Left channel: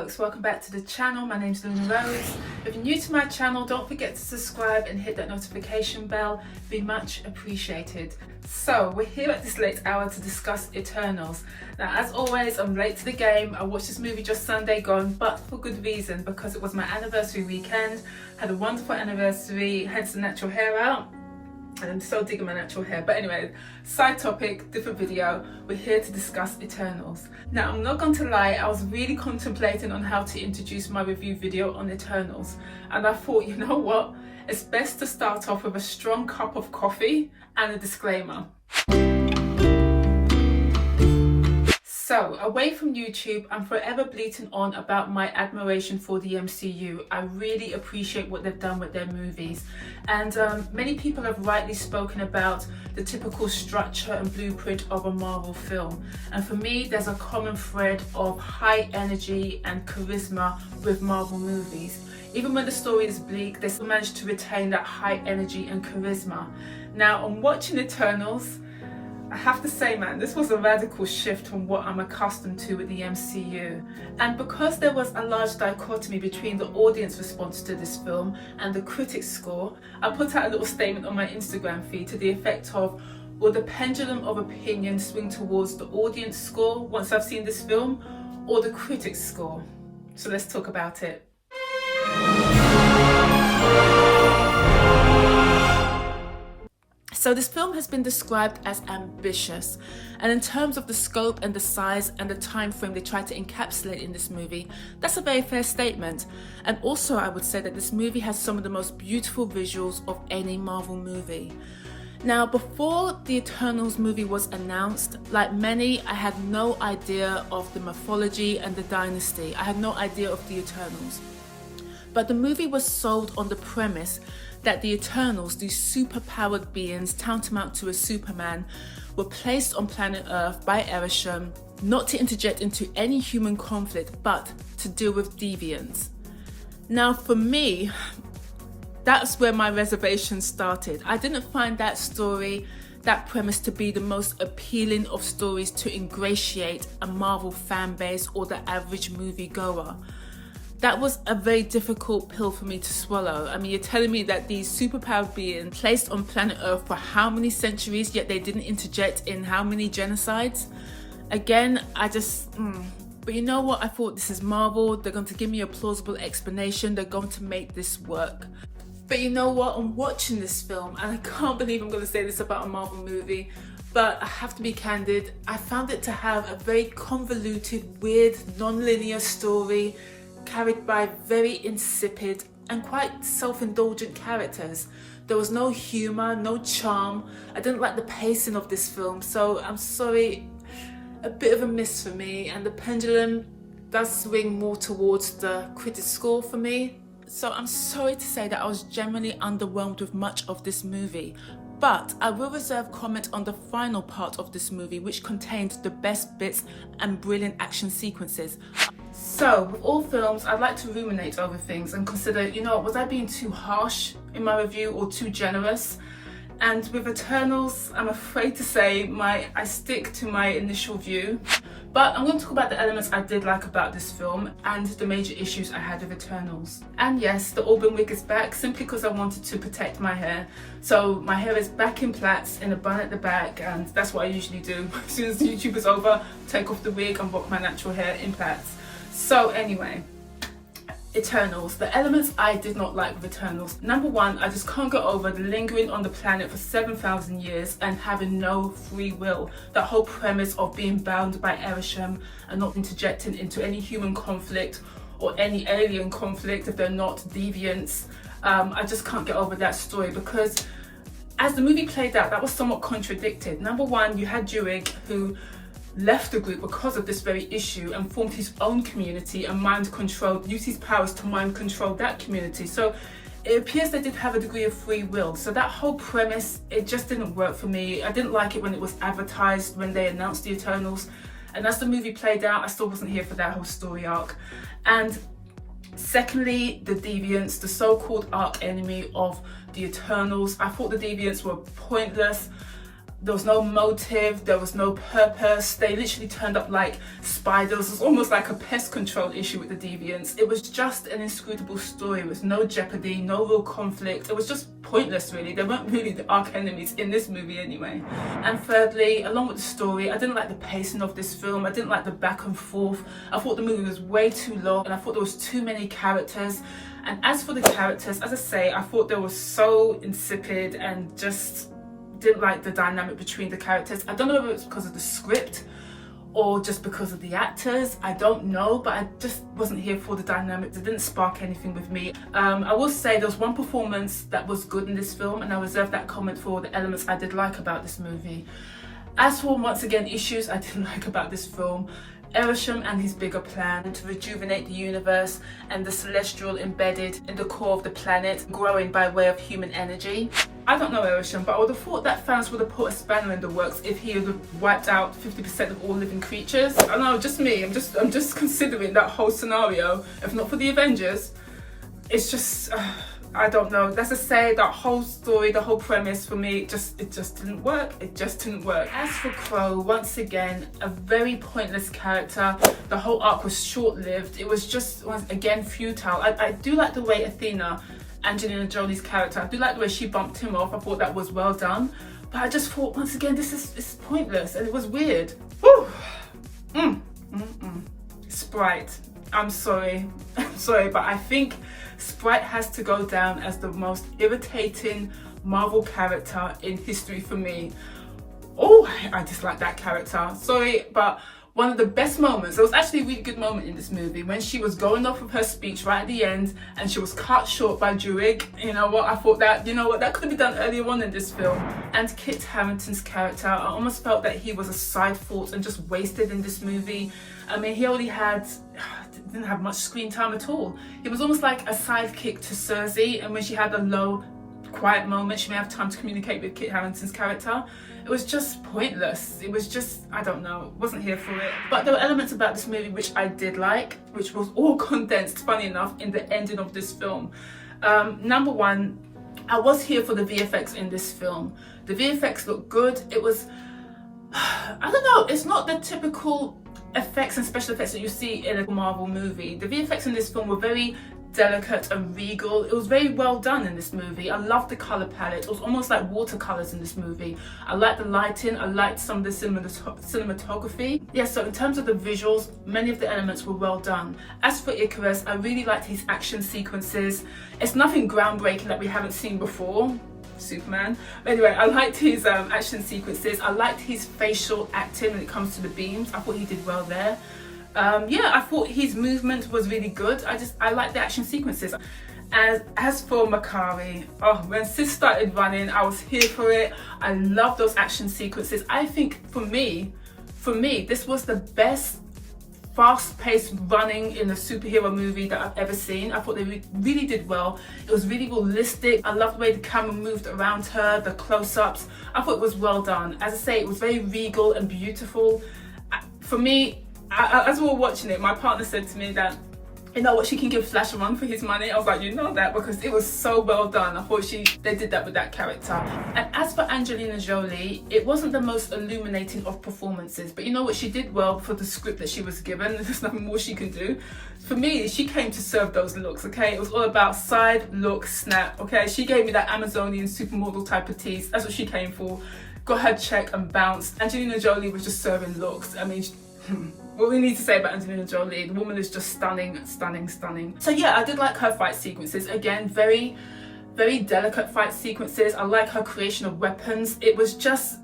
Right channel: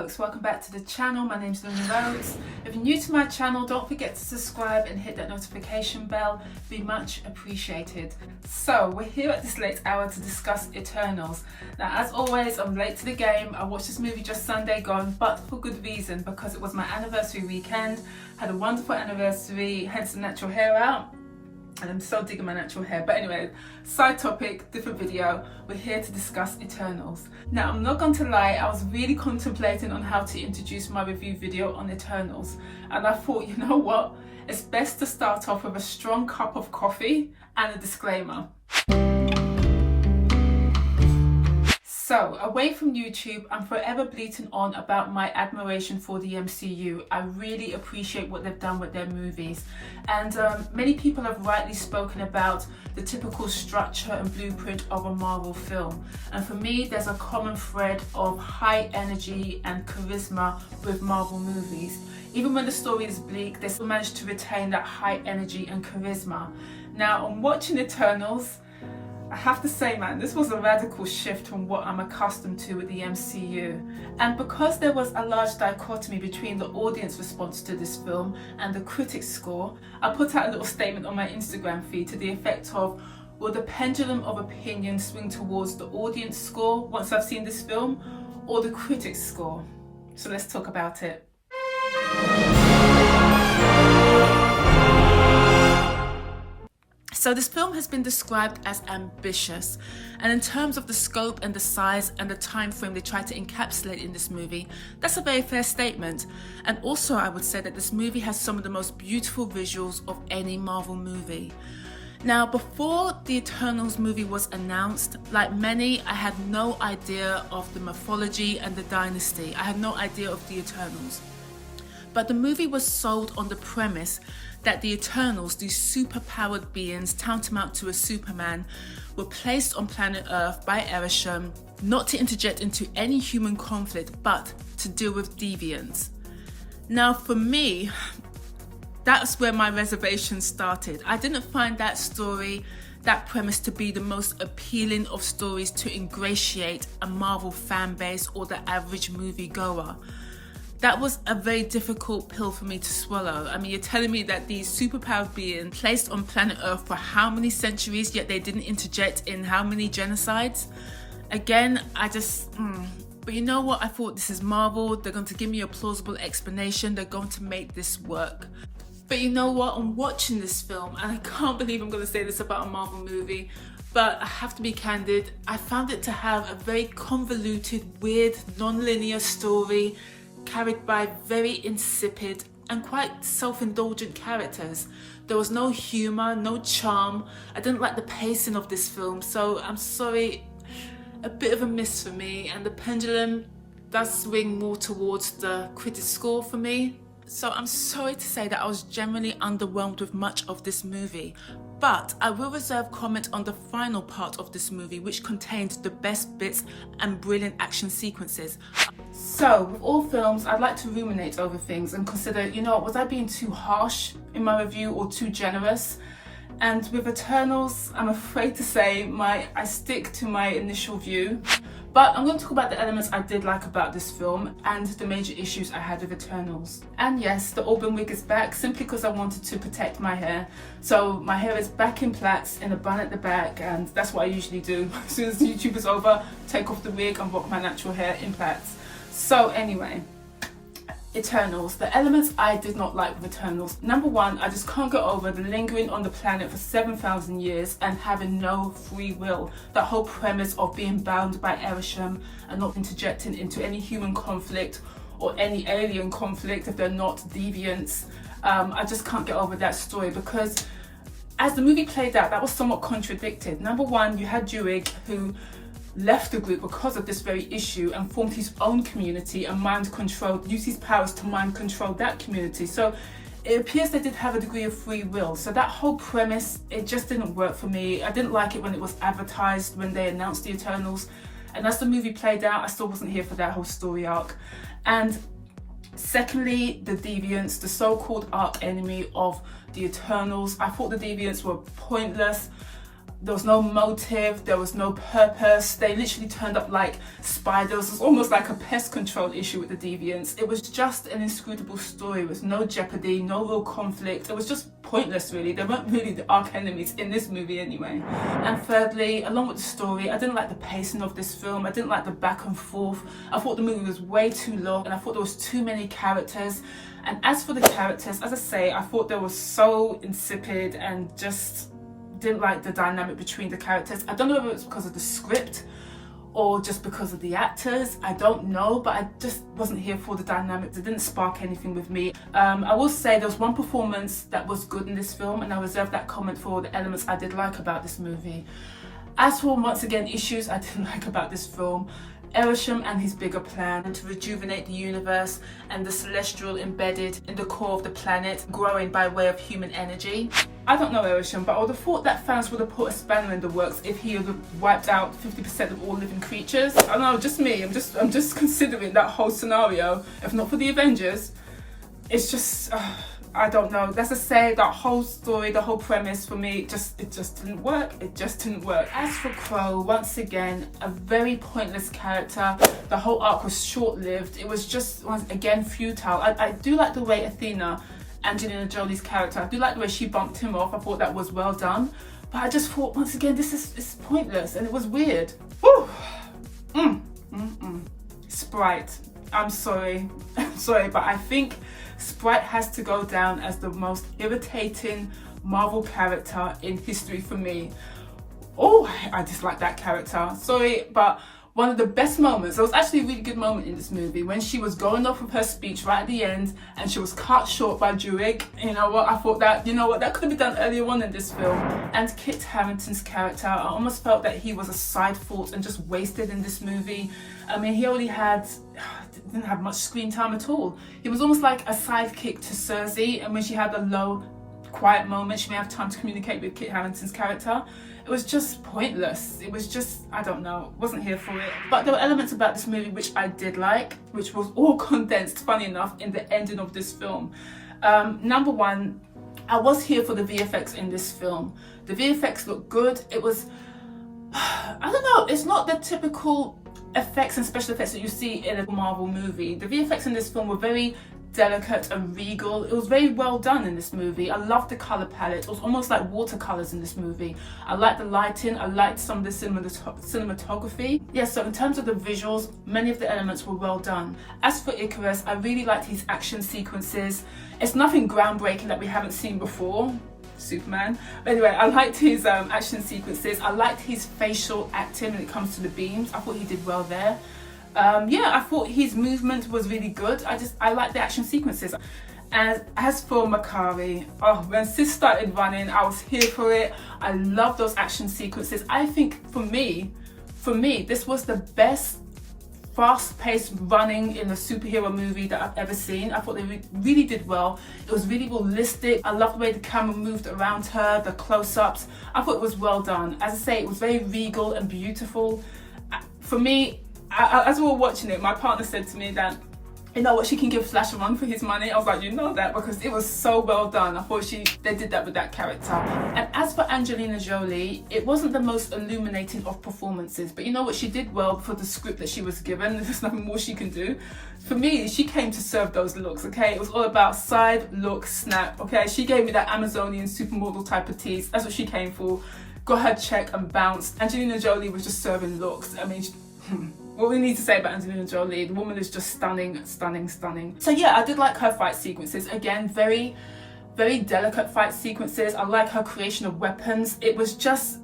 folks, welcome back to the channel. My name's Rhodes. If you're new to my channel, don't forget to subscribe and hit that notification bell. It'd be much appreciated. So we're here at this late hour to discuss Eternals. Now, as always, I'm late to the game. I watched this movie just Sunday gone, but for good reason, because it was my anniversary weekend. Had a wonderful anniversary, had some natural hair out. And I'm so digging my natural hair. But anyway, side topic, different video. We're here to discuss Eternals. Now, I'm not going to lie, I was really contemplating on how to introduce my review video on Eternals. And I thought, you know what? It's best to start off with a strong cup of coffee and a disclaimer. So, away from YouTube, I'm forever bleating on about my admiration for the MCU. I really appreciate what they've done with their movies. And many people have rightly spoken about the typical structure and blueprint of a Marvel film. And for me, there's a common thread of high energy and charisma with Marvel movies. Even when the story is bleak, they still manage to retain that high energy and charisma. Now, on watching Eternals, I have to say, man, this was a radical shift from what I'm accustomed to with the MCU. And because there was a large dichotomy between the audience response to this film and the critics' score, I put out a little statement on my Instagram feed to the effect of, will the pendulum of opinion swing towards the audience score once I've seen this film, or the critics' score? So let's talk about it. So this film has been described as ambitious, and in terms of the scope and the size and the time frame they try to encapsulate in this movie, that's a very fair statement. And also I would say that this movie has some of the most beautiful visuals of any Marvel movie. Now, before the Eternals movie was announced, like many, I had no idea of the mythology and the dynasty. I had no idea of the Eternals. But the movie was sold on the premise that the Eternals, these super-powered beings tantamount to a Superman, were placed on planet Earth by Arishem not to interject into any human conflict, but to deal with deviants. Now, for me, that's where my reservations started. I didn't find that story, that premise, to be the most appealing of stories to ingratiate a Marvel fan base or the average moviegoer. That was a very difficult pill for me to swallow. I mean, you're telling me that these superpowered beings placed on planet Earth for how many centuries, yet they didn't interject in how many genocides? Again, But you know what? I thought, this is Marvel. They're going to give me a plausible explanation. They're going to make this work. But you know what? I'm watching this film, and I can't believe I'm going to say this about a Marvel movie, but I have to be candid. I found it to have a very convoluted, weird, non-linear story, carried by very insipid and quite self-indulgent characters. There was no humour, no charm. I didn't like the pacing of this film, so I'm sorry, a bit of a miss for me, and the pendulum does swing more towards the critic score for me. So I'm sorry to say that I was generally underwhelmed with much of this movie, but I will reserve comment on the final part of this movie, which contained the best bits and brilliant action sequences. So, with all films, I'd like to ruminate over things and consider, you know, was I being too harsh in my review or too generous? And with Eternals, I'm afraid to say I stick to my initial view. But I'm going to talk about the elements I did like about this film and the major issues I had with Eternals. And yes, the auburn wig is back simply because I wanted to protect my hair. So my hair is back in plaits in a bun at the back, and that's what I usually do. As soon as the YouTube is over, take off the wig and rock my natural hair in plaits. So anyway, Eternals, the elements I did not like with Eternals. Number one, I just can't get over the lingering on the planet for 7,000 years and having no free will. That whole premise of being bound by Arishem and not interjecting into any human conflict or any alien conflict if they're not deviants. I just can't get over that story, because as the movie played out, that was somewhat contradicted. Number one, you had Druig, who left the group because of this very issue and formed his own community and used his powers to mind control that community. So it appears they did have a degree of free will. So that whole premise, it just didn't work for me. I didn't like it when it was advertised, when they announced the Eternals. And as the movie played out, I still wasn't here for that whole story arc. And secondly, the Deviants, the so-called arch enemy of the Eternals. I thought the Deviants were pointless. There was no motive, there was no purpose. They literally turned up like spiders. It was almost like a pest control issue with the Deviants. It was just an inscrutable story with no jeopardy, no real conflict. It was just pointless, really. They weren't really the arch enemies in this movie anyway. And thirdly, along with the story, I didn't like the pacing of this film. I didn't like the back and forth. I thought the movie was way too long, and I thought there was too many characters. And as for the characters, as I say, I thought they were so insipid and just didn't like the dynamic between the characters. I don't know if it was because of the script or just because of the actors. I don't know, but I just wasn't here for the dynamics. It didn't spark anything with me. I will say there was one performance that was good in this film, and I reserve that comment for the elements I did like about this movie. As for, once again, issues I didn't like about this film, Ereshkigal and his bigger plan to rejuvenate the universe and the celestial embedded in the core of the planet, growing by way of human energy. I don't know Ereshkigal, but I would have thought that Thanos would have put a spanner in the works if he would have wiped out 50% of all living creatures. I don't know, just me. I'm just considering that whole scenario. If not for the Avengers, it's just I don't know. Let's just say that whole story, the whole premise for me, it just didn't work. It just didn't work. As for Crow, once again, a very pointless character. The whole arc was short-lived. It was just, once again, futile. I do like the way Athena, Angelina Jolie's character, I do like the way she bumped him off. I thought that was well done. But I just thought, once again, it's pointless and it was weird. Whew. Sprite. I'm sorry. I'm sorry, but I think Sprite has to go down as the most irritating Marvel character in history for me. Oh, I dislike that character. Sorry, but one of the best moments, there was actually a really good moment in this movie when she was going off with her speech right at the end and she was cut short by Druig. You know what, I thought that, you know what, that could have been done earlier on in this film. And Kit Harington's character, I almost felt that he was a side thought and just wasted in this movie. I mean, he only didn't have much screen time at all. He was almost like a sidekick to Cersei, and when she had a low, quiet moment, she may have time to communicate with Kit Harington's character. It was just pointless. It was just, I don't know, wasn't here for it. But there were elements about this movie which I did like, which was all condensed, funny enough, in the ending of this film. Number one, I was here for the VFX in this film. The VFX looked good. It was, I don't know, it's not the typical effects and special effects that you see in a Marvel movie. The VFX in this film were very delicate and regal. It was very well done in this movie. I loved the color palette. It was almost like watercolors in this movie. I liked the lighting. I liked some of the cinematography. Yeah, so in terms of the visuals, many of the elements were well done. As for Icarus, I really liked his action sequences. It's nothing groundbreaking that we haven't seen before. Superman. But anyway, I liked his action sequences. I liked his facial acting when it comes to the beams. I thought he did well there. Yeah, I thought his movement was really good. I liked the action sequences. And as for Makari, oh, when Sis started running, I was here for it. I love those action sequences. I think for me, this was the best fast-paced running in a superhero movie that I've ever seen. I thought they really did well. It was really realistic. I loved the way the camera moved around her, the close-ups. I thought it was well done. As I say, it was very regal and beautiful. For me, as we were watching it, my partner said to me that, you know what, she can give Flash a run for his money. I was like, you know that, because it was so well done. I thought they did that with that character. And as for Angelina Jolie, it wasn't the most illuminating of performances, but you know what, she did well for the script that she was given. There's nothing more she can do. For me, she came to serve those looks, okay? It was all about side, look, snap, okay? She gave me that Amazonian supermodel type of tease. That's what she came for. Got her check and bounced. Angelina Jolie was just serving looks. I mean, what we need to say about Angelina Jolie, the woman is just stunning, stunning, stunning. So yeah, I did like her fight sequences. Again, very, very delicate fight sequences. I like her creation of weapons. It was just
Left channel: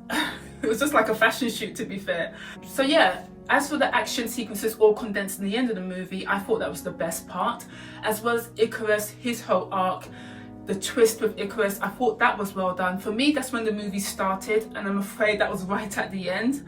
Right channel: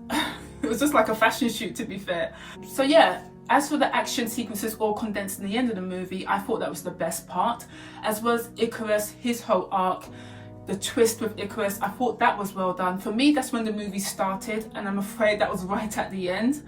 like a fashion shoot, to be fair. So yeah, as for the action sequences all condensed in the end of the movie, I thought that was the best part. As well as Icarus, his whole arc, the twist with Icarus, I thought that was well done. For me, that's when the movie started, and I'm afraid that was right at the end.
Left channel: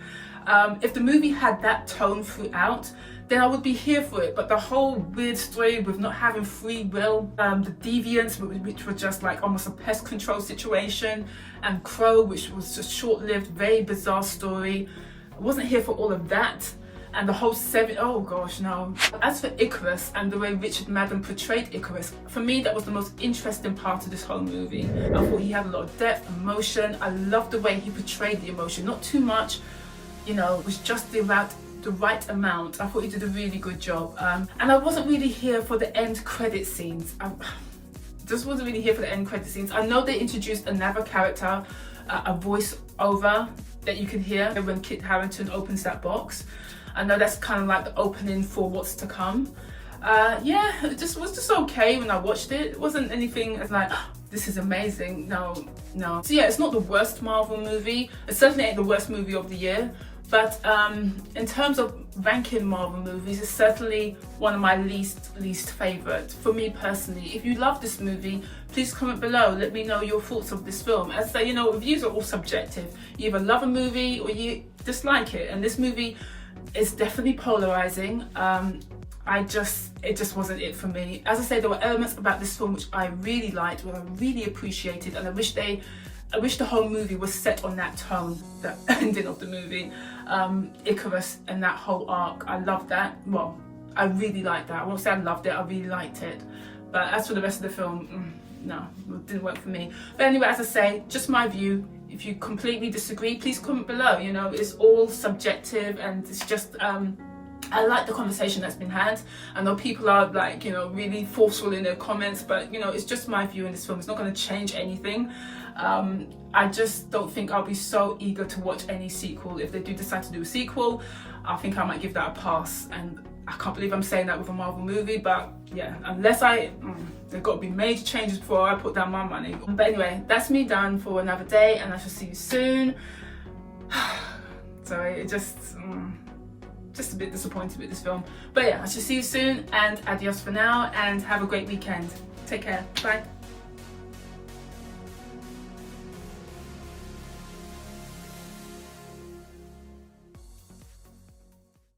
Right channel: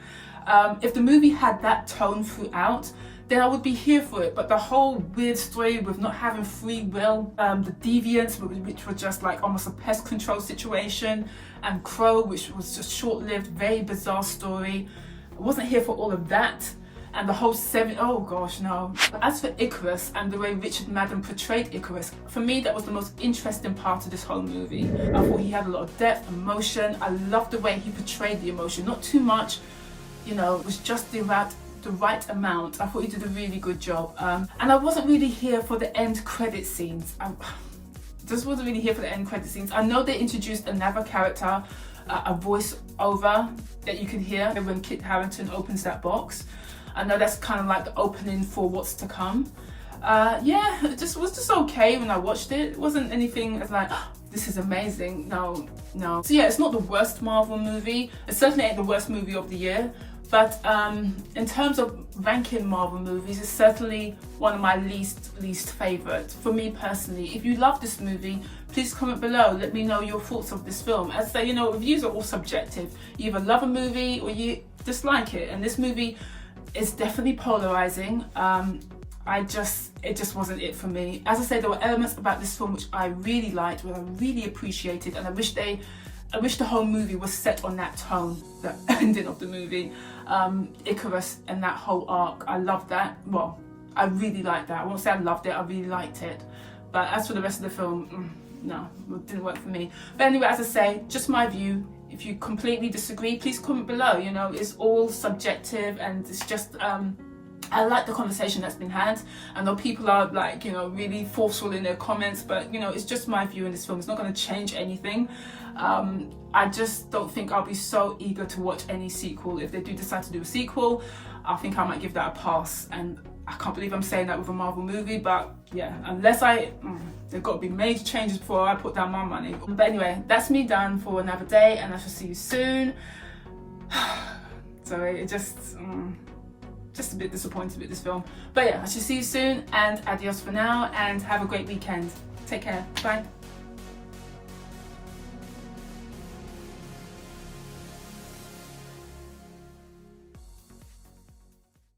If the movie had that tone throughout, then I would be here for it. But the whole weird story with not having free will, the Deviants, which were just like almost a pest control situation, and Crow, which was just short-lived, very bizarre story. I wasn't here for all of that. and the whole oh gosh, no. As for Icarus and the way Richard Madden portrayed Icarus, for me that was the most interesting part of this whole movie. I thought he had a lot of depth, emotion. I loved the way he portrayed the emotion, not too much, you know, it was just the right amount. I thought he did a really good job. And I wasn't really here for the end credit scenes. I just wasn't really here for the end credit scenes. I know they introduced another character, a voice over that you can hear when Kit Harington opens that box. I know that's kind of like the opening for what's to come. Yeah, it was just okay when I watched it. It wasn't anything as like, oh, this is amazing. No. So yeah, it's not the worst Marvel movie. It certainly ain't the worst movie of the year. But in terms of ranking Marvel movies, it's certainly one of my least favourites for me personally. If you love this movie, please comment below. Let me know your thoughts of this film. As I say, you know, reviews are all subjective. You either love a movie or you dislike it. And this movie is definitely polarising. It just wasn't it for me. As I say, there were elements about this film which I really liked, what I really appreciated, and I wish the whole movie was set on that tone, the ending of the movie. Icarus and that whole arc, I loved that. Well, I really liked that. I won't say I loved it, I really liked it. But as for the rest of the film, no, it didn't work for me. But anyway, as I say, just my view. If you completely disagree, please comment below. You know, it's all subjective, and it's just, I like the conversation that's been had. I know people are like, you know, really forceful in their comments, but you know, it's just my view in this film. It's not going to change anything. I just don't think I'll be so eager to watch any sequel. If they do decide to do a sequel, I think I might give that a pass. And I can't believe I'm saying that with a Marvel movie, but yeah, unless there's got to be major changes before I put down my money. But anyway, that's me done for another day, and I shall see you soon. So it just a bit disappointed with this film. But yeah, I shall see you soon, and adios for now, and have a great weekend. Take care. Bye.